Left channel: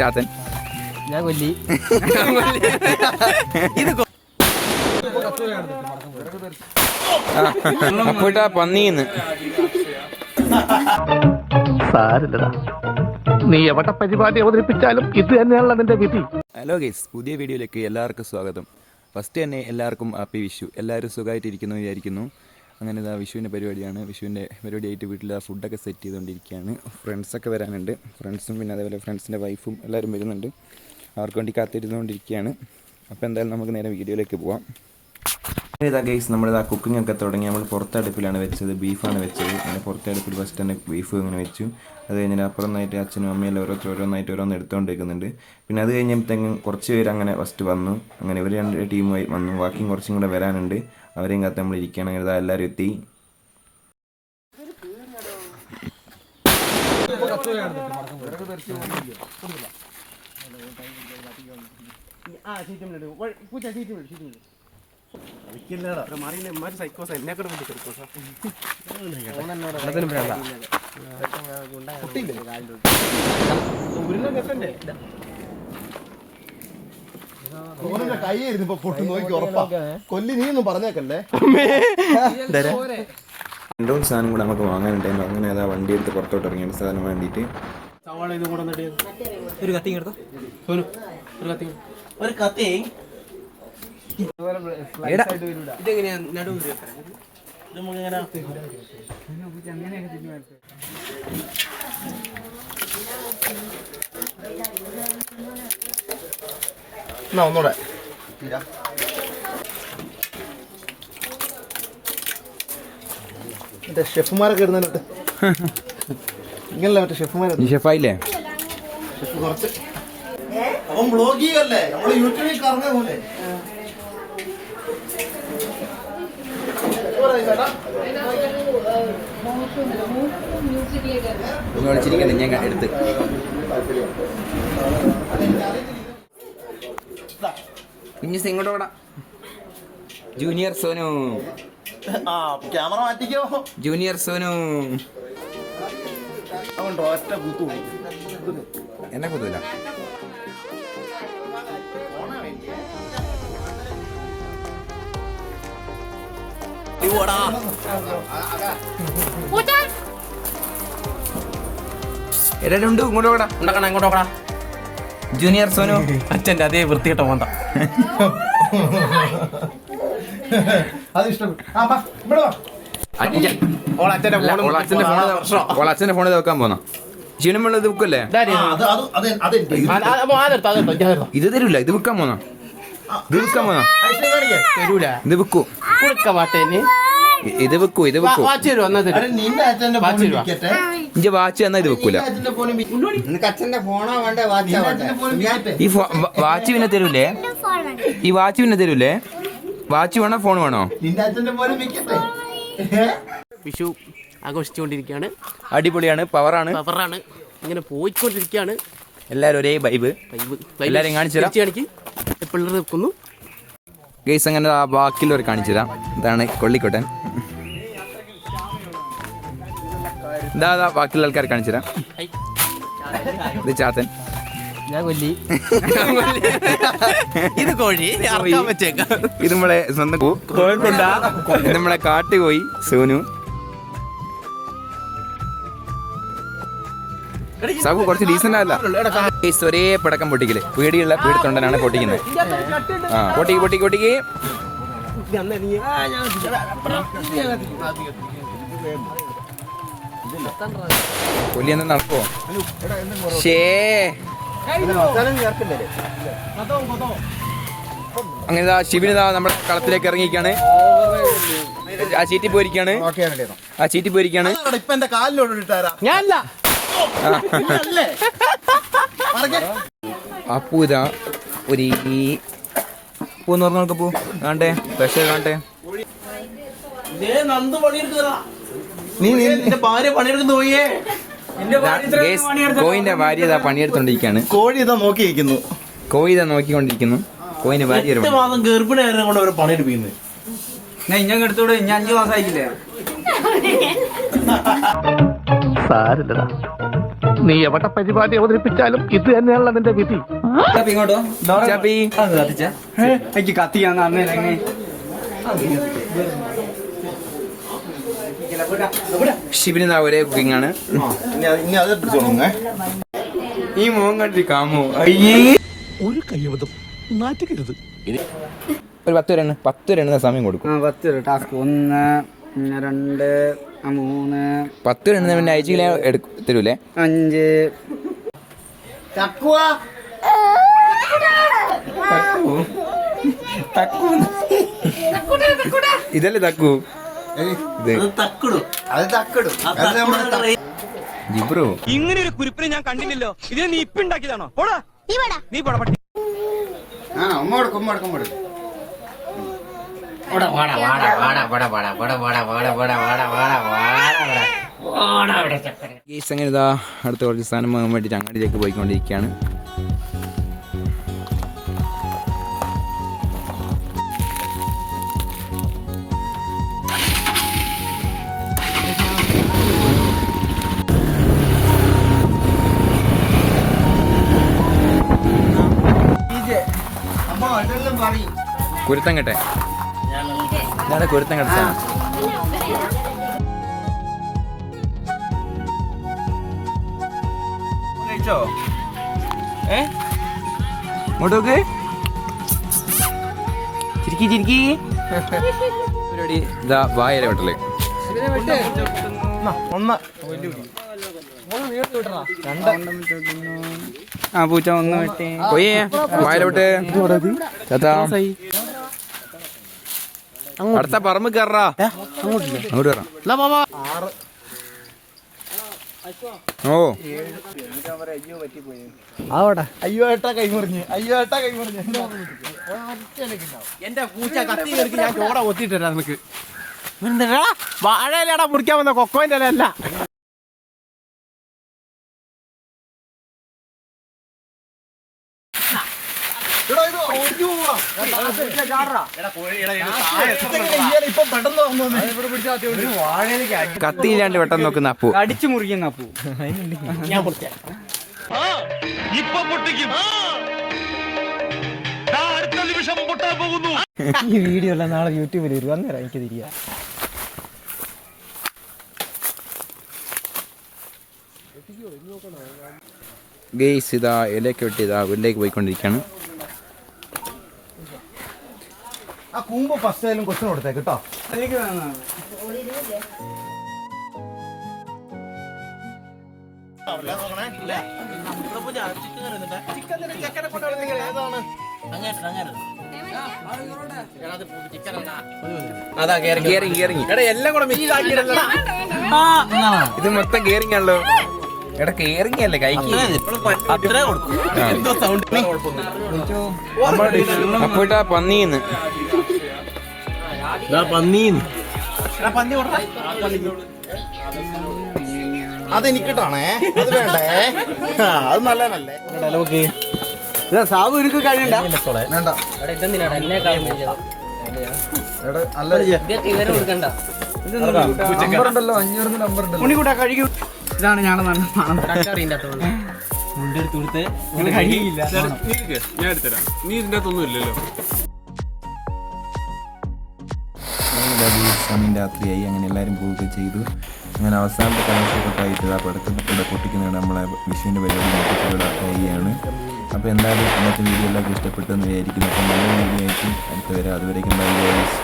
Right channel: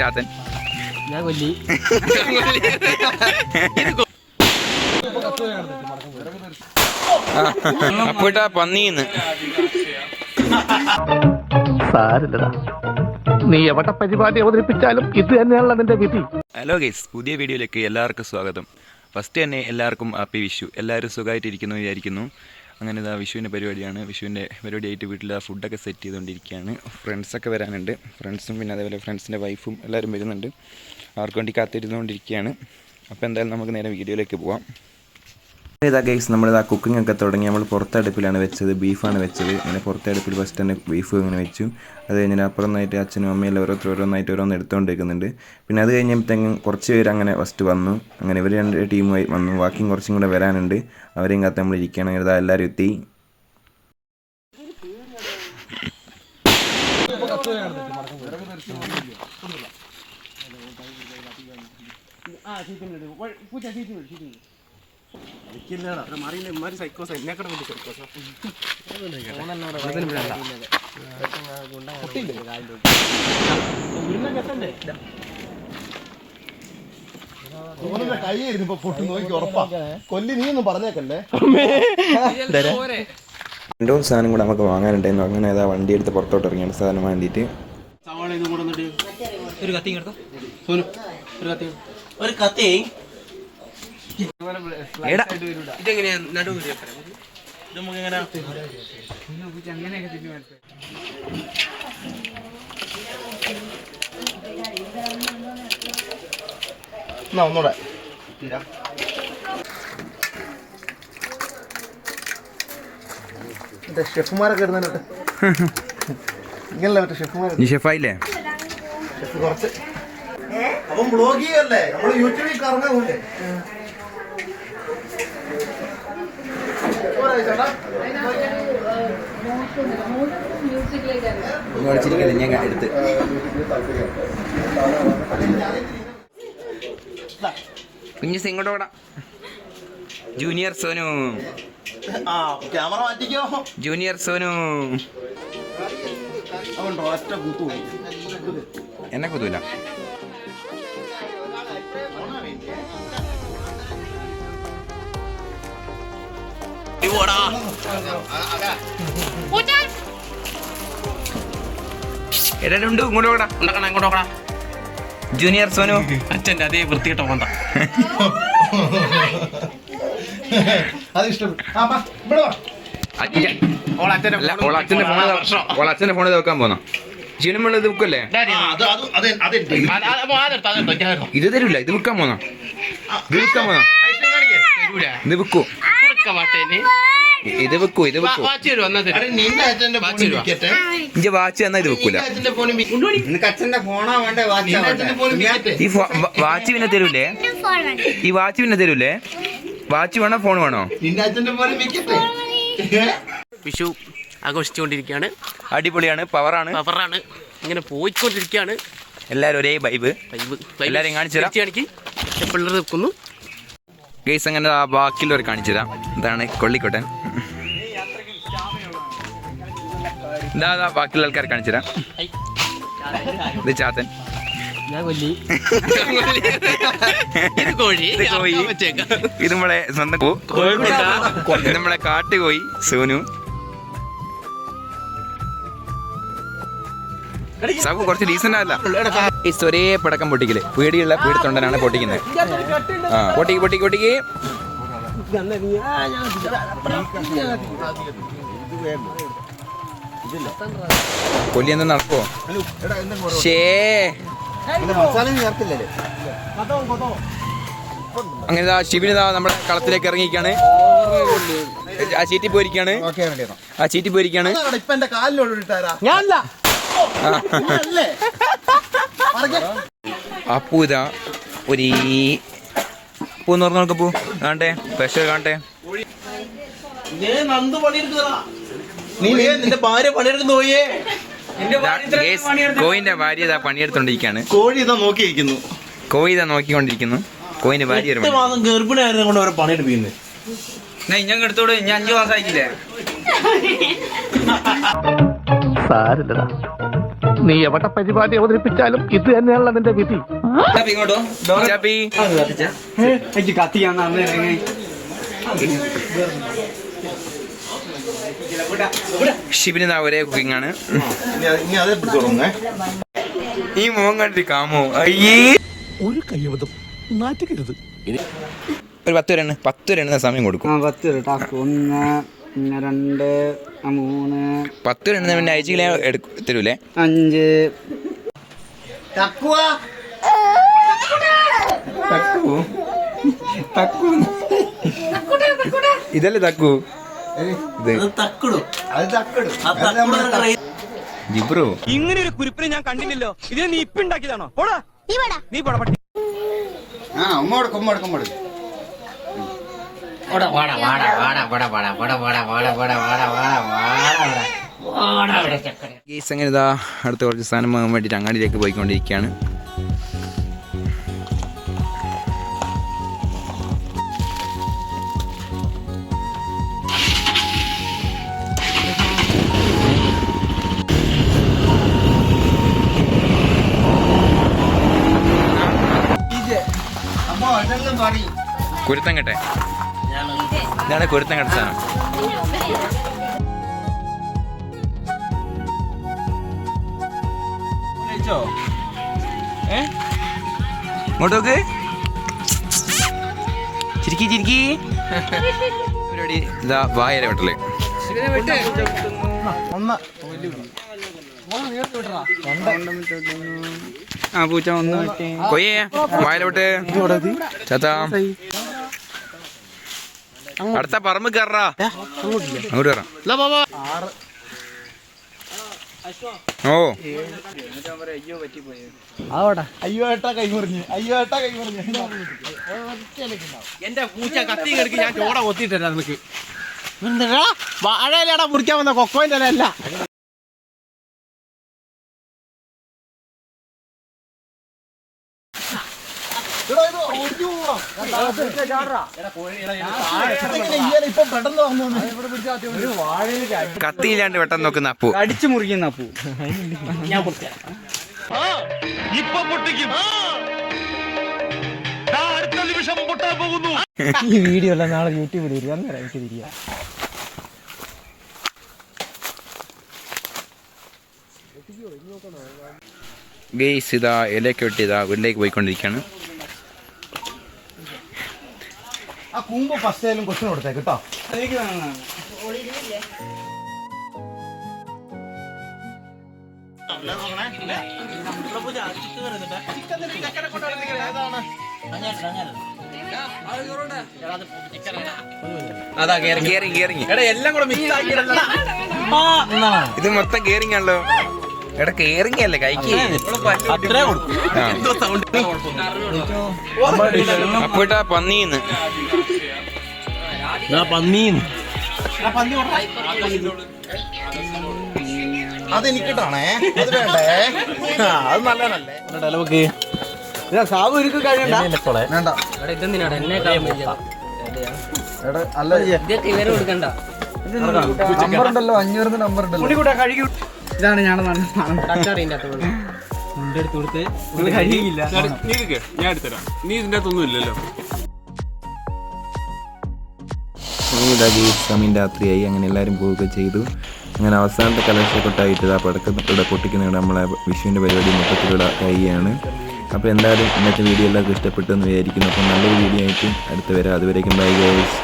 ചാത്തൻ ഞാൻ കൊല്ലി അപ്പോട്ടാ പന്നീന്ന് സാരില്ലടാ നീ എവിടെ പരിപാടി അവതരിപ്പിച്ചാലും ഇത് തന്നെയാണല്ലോ നിന്റെ വിധി. ഹലോ ഗൈസ്, പുതിയ വീഡിയോയിലേക്ക് എല്ലാവർക്കും സ്വാഗതം. ഫസ്റ്റ് തന്നെ എല്ലാവർക്കും ഹാപ്പി വിഷു. എല്ലാവരും സുഖമായിട്ടിരിക്കുന്നു വിചാരിക്കുന്നു. അങ്ങനെ ഇതാ വിഷുവിൻ്റെ പരിപാടിയാണ്. വിഷുവിൻ്റെ പരിപാടിയായിട്ട് വീട്ടിൽ ഫുഡൊക്കെ സെറ്റ് ചെയ്തുകൊണ്ടിരിക്കുകയാണ്. ഫ്രണ്ട്സൊക്കെ വരാനുണ്ട്. ഫ്രണ്ട്സും പിന്നെ അതേപോലെ ഫ്രണ്ട്സിൻ്റെ വൈഫും എല്ലാവരും വരുന്നുണ്ട്. അവർക്ക് വേണ്ടി കാത്തിരുന്നുകൊണ്ടിരിക്കുകയാണ്. അപ്പോൾ എന്തായാലും നമുക്ക് നേരെ വീഡിയോയിലേക്ക് പോവാം. ഇതാ ഗൈസ്, നമ്മളിതാ കുക്കിംഗ് ഒക്കെ തുടങ്ങി. നമ്മൾ പുറത്തടുപ്പിലാണ് വെച്ചത്, ബീഫാണ് വെച്ചത്. അങ്ങനെ പുറത്തടുപ്പിൽ ഫസ്റ്റ് തന്നെ ബീഫ് ഇങ്ങനെ വെച്ചു. അത് കഴിഞ്ഞാൽ അപ്പുറമായിട്ട് അച്ഛനും അമ്മയും ഓരോന്നായിട്ട് ഓരോന്ന് എടുത്തുകൊണ്ടിരിക്കുന്നുണ്ട്. പിന്നെ അത് കഴിഞ്ഞപ്പോഴത്തേക്കും കുറച്ച് പേര് അങ്ങനെ ഫസ്റ്റ് വന്നു. അങ്ങനെ ഇവർ രണ്ട് ടീമായി വന്നു. ബാക്കിയും കുറച്ചും കൂടെ വരാനുണ്ട്. അവരെയും കാത്ത് നമ്മൾ ഇരിക്കുകയാണ്. ഇതാ എല്ലാവരും എത്തി. കൈയായിരുന്നു പൊട്ടു നോക്കി ഉറപ്പാ. കൊല്ലി നീ ഒന്നും പറഞ്ഞേക്കല്ലേ. രണ്ടോ സാധനം കൂടെ നമുക്ക് വാങ്ങാനുണ്ടായിരുന്നു. അങ്ങനെ ഏതാ വണ്ടി എടുത്ത് പുറത്തോട്ട് ഇറങ്ങിയാണ് സാധനം വാങ്ങിയിട്ട്. ഒന്നൂടെ ഷെഫുമാരൊക്കെ ഇടുന്നിട്ട് ഇങ്ങനല്ല മറ്റേ ഷെഫുമാരെ. ഷെഫായില്ലേ? കുറച്ച് അവൻ ബ്ലോഗ് ചെയ്യല്ലേ, നമ്മള് യൂട്യൂബിൽ കറങ്ങാൻ പോലെ. ഞാൻ എടുത്ത് കുഞ്ഞു ഇങ്ങോട്ട് ഓടാ. ജൂനിയർ സോനു, ക്യാമറ മാറ്റിക്കോ. ജൂനിയർ സോനു. അതുകൊണ്ടോ ഒറ്റ കുത്തു എന്നെ കുത്തൂല. എടാണ്ട് ഇങ്ങോട്ടോടാ. ജൂനിയർ സോനു അച്ഛൻ്റെ അതേ വൃത്തിയിട്ട പോണ്ട. അത് ഇഷ്ടപ്പെട്ടു. അച്ഛന്റെ ഫോണിൽ വെക്കാൻ പോന്ന ജീവനുള്ള ഇത് വിൽക്കല്ലേ? ഇത് തരൂല. ഇത് വിൽക്കാൻ പോന്ന ഇത് വിൽക്കൂ. ഇത് വെക്കൂ. ഇന്റെ വാച്ച് എന്നാ ഇത് വെക്കൂല. ഈ വാച്ച് പിന്നെ തരൂലേ? ഈ വാച്ച് പിന്നെ തരൂലേ? വാച്ച് വേണോ ഫോൺ വേണോ? വിഷു ആഘോഷിച്ചുകൊണ്ടിരിക്കുകയാണ്. അടിപൊളിയാണ്. പവറാണ്. ഇങ്ങനെ പോയിക്കൊണ്ടിരിക്കുകയാണ്. എല്ലാരും ഒരേ വൈബ്. എല്ലാരും കാണിച്ചു പിള്ളേർ നിൽക്കുന്നു ഗൈസ്. അങ്ങനെ ബാക്കിയുള്ളവർ കാണിച്ചു തരാം. ഇതാണ് കൊള്ളിക്കൊട്ടൻ. ഇതാ ബാക്കിയുള്ള ആൾക്കാർ കാണിച്ചു തരാം. ഇത് ചാത്തൻ. ഞാൻ കൊല്ലി. ഇത് നമ്മളെ സ്വന്തം ഇത് നമ്മളെ കാട്ടുകോയി സോനു. സബു കുറച്ച് ഡീസന്റ് അല്ല. ഈ ഒരേ പടക്കം പൊട്ടിക്കല്. പേടിത്തൊണ്ടനാണ് പൊട്ടിക്കുന്നത്. പൊട്ടിക്ക്. കൊല്ലി എന്താ നടക്കുവോ? അങ്ങനെ ശിവന് നമ്മുടെ കളത്തിലേക്ക് ഇറങ്ങിയിരിക്കാണ്. ആ ചീറ്റി പോയിരിക്കാണ്. അപ്പൂ ഇതാ ഒരു പൂന്ന് പറഞ്ഞ നോക്കപ്പൂ കാണട്ടെ. സ്പെഷ്യൽ കാണട്ടെ. കോയിന്റെ ഭാര്യ ഇതാ പണിയെടുത്തോണ്ടിരിക്കാണ്. കോഴി ഇതാ നോക്കിക്കൊണ്ടിരിക്കുന്നു. കോയിന്റെ ഭാര്യ ഗർഭിണിയായിരുന്നു പണിയെടുപ്പിക്കുന്നത്. ഞാൻ എടുത്തോട്. ഞാൻ 5 മാസം ആയിട്ടില്ലേ? സാരില്ലടാ നീ എവിടെ പരിപാടി അവതരിപ്പിച്ചാലും ഇത് തന്നെയാണല്ലോ നിന്റെ വിധി. ചാപ്പി ഷിബിന് ഒരേ കുക്കിംഗ് ആണ്. ഇനി അത് പിടിച്ചോളൂങ്ങേ. ഈ മോൻ കണ്ടി കാമോ അയ്യേ. ഒരു കയ്യബദ്ധം നാറ്റിക്കരുത്. ഒരു 10 വരെ സമയം കൊടുക്കും. 10 ടാസ്ക് 1 2 3 10 വരെ പിന്നെ അയച്ചില്ല തരൂലേ. 5 തക്കുവ ഇതല്ലേ തക്കു. ഇത് അത് തക്കിടും. അത് നമ്മള് ജിബ്രോ ഇങ്ങനെ ഒരു കുരിപ്പിനെ ഞാൻ കണ്ടില്ലല്ലോ. ഇതിനെ നീ ഇപ്പൊ ഉണ്ടാക്കിയതാണോ? പോടാ നീ പോടാ പട്ടി. ഉമ്മ കൊടുക്കും. ഗെയ്സ് അങ്ങനെ ഇതാ അടുത്ത കുറച്ച് സാധനം വാങ്ങാൻ വേണ്ടിയിട്ട് അങ്ങാടിയിലേക്ക് പോയിക്കൊണ്ടിരിക്കുകയാണ്. കുരുത്തം കെട്ടെ ഇതാണ് കുരുത്തം കെട്ട സാധനം. ഇങ്ങോട്ടോക്ക് ചിരിക്കി പരിപാടി ഇതാ വായല വെട്ടല്. പൂച്ച 1 വെട്ടേ കൊയ്യേ വായല വിട്ട് ചത്താ. അടുത്ത പറമ്പ് കയറാ അങ്ങോട്ട് കയറാം. ഓ അയ്യോ ഏട്ടാ കൈ മുറിഞ്ഞ്. എന്റെ പൂച്ച കത്തി കണക്ക് ഞാൻ ചോട കൊത്തിയിട്ടാ നമുക്ക്. വാഴയിലാടാ മുറിക്കാൻ വന്ന കൊക്കോന്റെ അല്ല. ഇപ്പൊ പെട്ടെന്ന് വന്നു. കത്തിയില്ലാണ്ട് വെട്ടം നോക്കുന്ന അപ്പു. അടിച്ചു മുറിക്കുന്ന പൂ ഞാൻ പൊട്ടിക്കാം. ഇപ്പൊ പൊട്ടിക്കും. അടുത്ത നിമിഷം പൊട്ടാൻ പോകുന്നു. ഈ വീഡിയോ എല്ലാം നാളെ യൂട്യൂബിൽ വരും. അന്നേരം എനിക്ക് തിരിയാ. ഗെയ്സ് ഇതാ ഇലയൊക്കെ വെട്ടി ഇതാ വീട്ടിലേക്ക് പോയിക്കൊണ്ടിരിക്കുകയാണ്. ആ കൂമ്പ് ഫസ്റ്റ് ആയാലും കൊച്ചിന് കൊടുത്തേ കേട്ടോ. എനിക്ക് വേണം. അതാ ഗിയറിങ് എല്ലാം കൂടെ മിക്സ് ആക്കിയതല്ല. ഇത് മൊത്തം ഗിയറിങ് ആണല്ലോ. എടാ ഗിയറിങ് അല്ലേ കൈക്ക് അത്രേ കൊടുക്കും. എന്തോ സൗണ്ട് അപ്പോട്ടാ പന്നീന്ന് അതെനിക്കിട്ടാണേ. അത് വേണ്ടേ? അത് നല്ലതല്ലേ. സാബു ഒരുക്ക് കഴിഞ്ഞ വേണ്ട. എടാ അല്ല നമ്പർ ഉണ്ടല്ലോ 500 നമ്പർ ഉണ്ടല്ലോ. ഇതാണ് ഞാൻ ഞാൻ എടുത്തരാം. നീ ഇതിന്റെ അകത്തൊന്നും ഇല്ലല്ലോ. സമയം രാത്രിയായി. അങ്ങനെ എല്ലാവരും പോവുക ചെയ്തു. അങ്ങനെ അവസാനത്തെ കളക്ഷൻ കൊട്ടായിട്ട് ആ പടക്കത്തിലൂടെ പൊട്ടിക്കുന്നതാണ് നമ്മളെ വിഷുവിൻ്റെ പരിപാടി മൊത്തത്തിലൂടെ കഴിയുകയാണ്. അപ്പോൾ എന്തായാലും ഇന്നത്തെ വീഡിയോ എല്ലാവർക്കും ഇഷ്ടപ്പെട്ടു എന്ന് വിചാരിക്കുന്നു. അപ്പോൾ നല്ലൊരു വീഡിയോ ആയിട്ട് അടുത്ത് വരാം. അതുവരേക്കും ബൈ ഗൈസ്.